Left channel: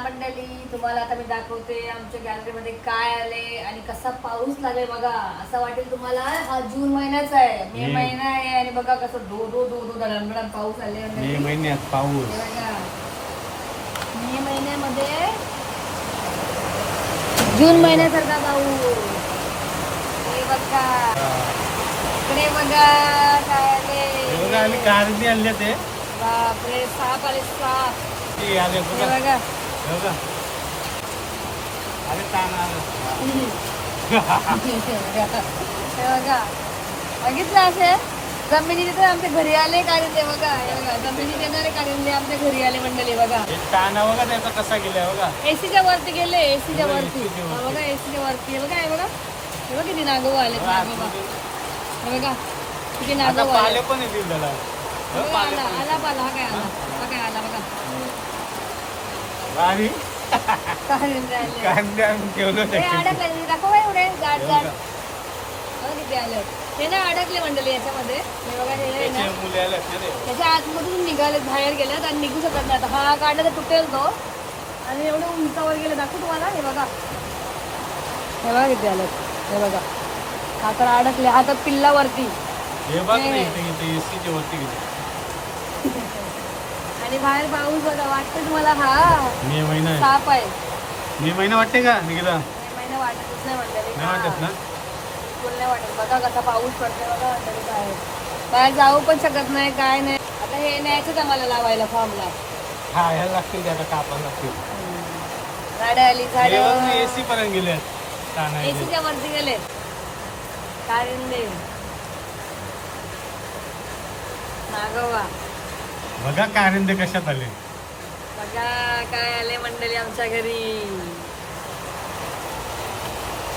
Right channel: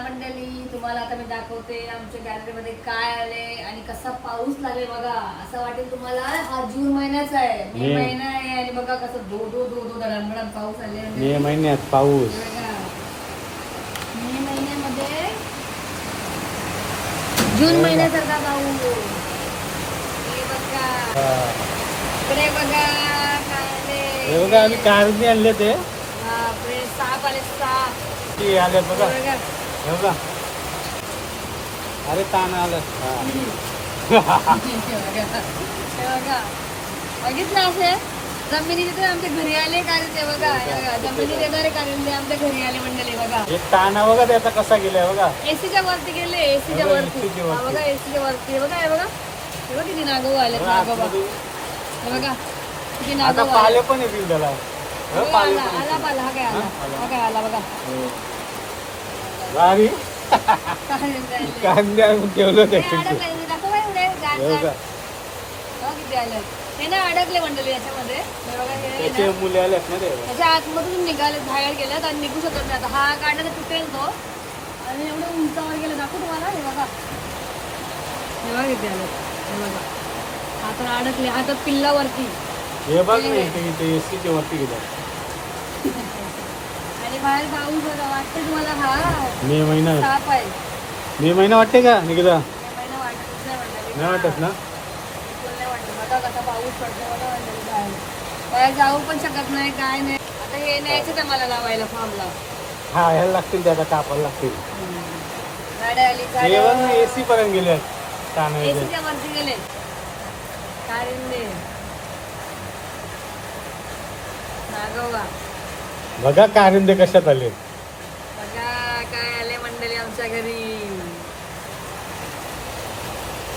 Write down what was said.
मंडळी तुम्हाला आता मी दाखवते आमच्या गॅलरीमध्ये काय आले आणि कसा पाऊस लागेल बघा. असं वाटेल तुम्हाला हा जून महिन्याचा आहे, मे महिना आहे आणि बघा कसं दो दो दो दो धडधड पाऊस आले. मे महिन्यात पाऊस, मे महिन्यामध्ये जून महिन्यासारखा पाऊस. हे बघा इकडे बघा काय आले. कारंजी आणले ते बापरे, साप आले साप. ते आले हे बघा अरे ताना आला. हे बघा बघितलं असे जमिनीत तर आमच्या घरी आले काढले बघा. हे बघा जमिनीत येणारे काढले आमच्या घरी आले मंडळी बघा. ताना बघा त्याचा कसा गेलाय बघा. एसीच्या वरती गेले, एसीच्या वरती. हा बघा एसीच्या वरती. हे बघा हे बघा हे बघा किती नागोबा आले नागोबा. हे बघा किती नागोबा आले. पण येतील बघा. बघा आला आला पाला. हा काय आला, हा काय आला बघा. गाडी काढले आले. कांदे आणून ठेवलं हे अडकले दाखव एवढे जाड जाड. बघा किती आले. हे ना अडकले मंडळी याच्यामध्ये. हे बघा हे ना त्याच्या आतमधून निघाले, बाहेर गेलेत आणि निघू शकत नाही. आता हा काढला तर तुटेल तो. आणि एवढं उंचावर गेलं दाखवू तुम्हाला. हे बघा हे बघा किती आले. हे बघा हा तर अडकले, हा तर पिल्लावरती. आणि बाहेर पाऊस होता वाटतं तुम्हाला. हा मे महिना साप आहे. मे महिना वाटते का निघाला? मे महिना वाटतच नाही मंडळी. नाही वाटत ना. बिलकुल नाही वाटत. बघा कसा पाऊस पडतो बघा मंडळी बाहेर. बाहेर जाऊ पण शकत नाही काय नाही. आता हे न्यायचंच आहे मला लावायला फॉर्मला. हा ह्याला लागतील, त्याचा कापायला लागतील. गाड्या आली गाड्या. एसी पर्यंत गेले. एसीच्या वरती गेले कारिंदे नागोबा. बघा कारंदे कशात आले. बघा काय आले मंडळी आमच्या घरी.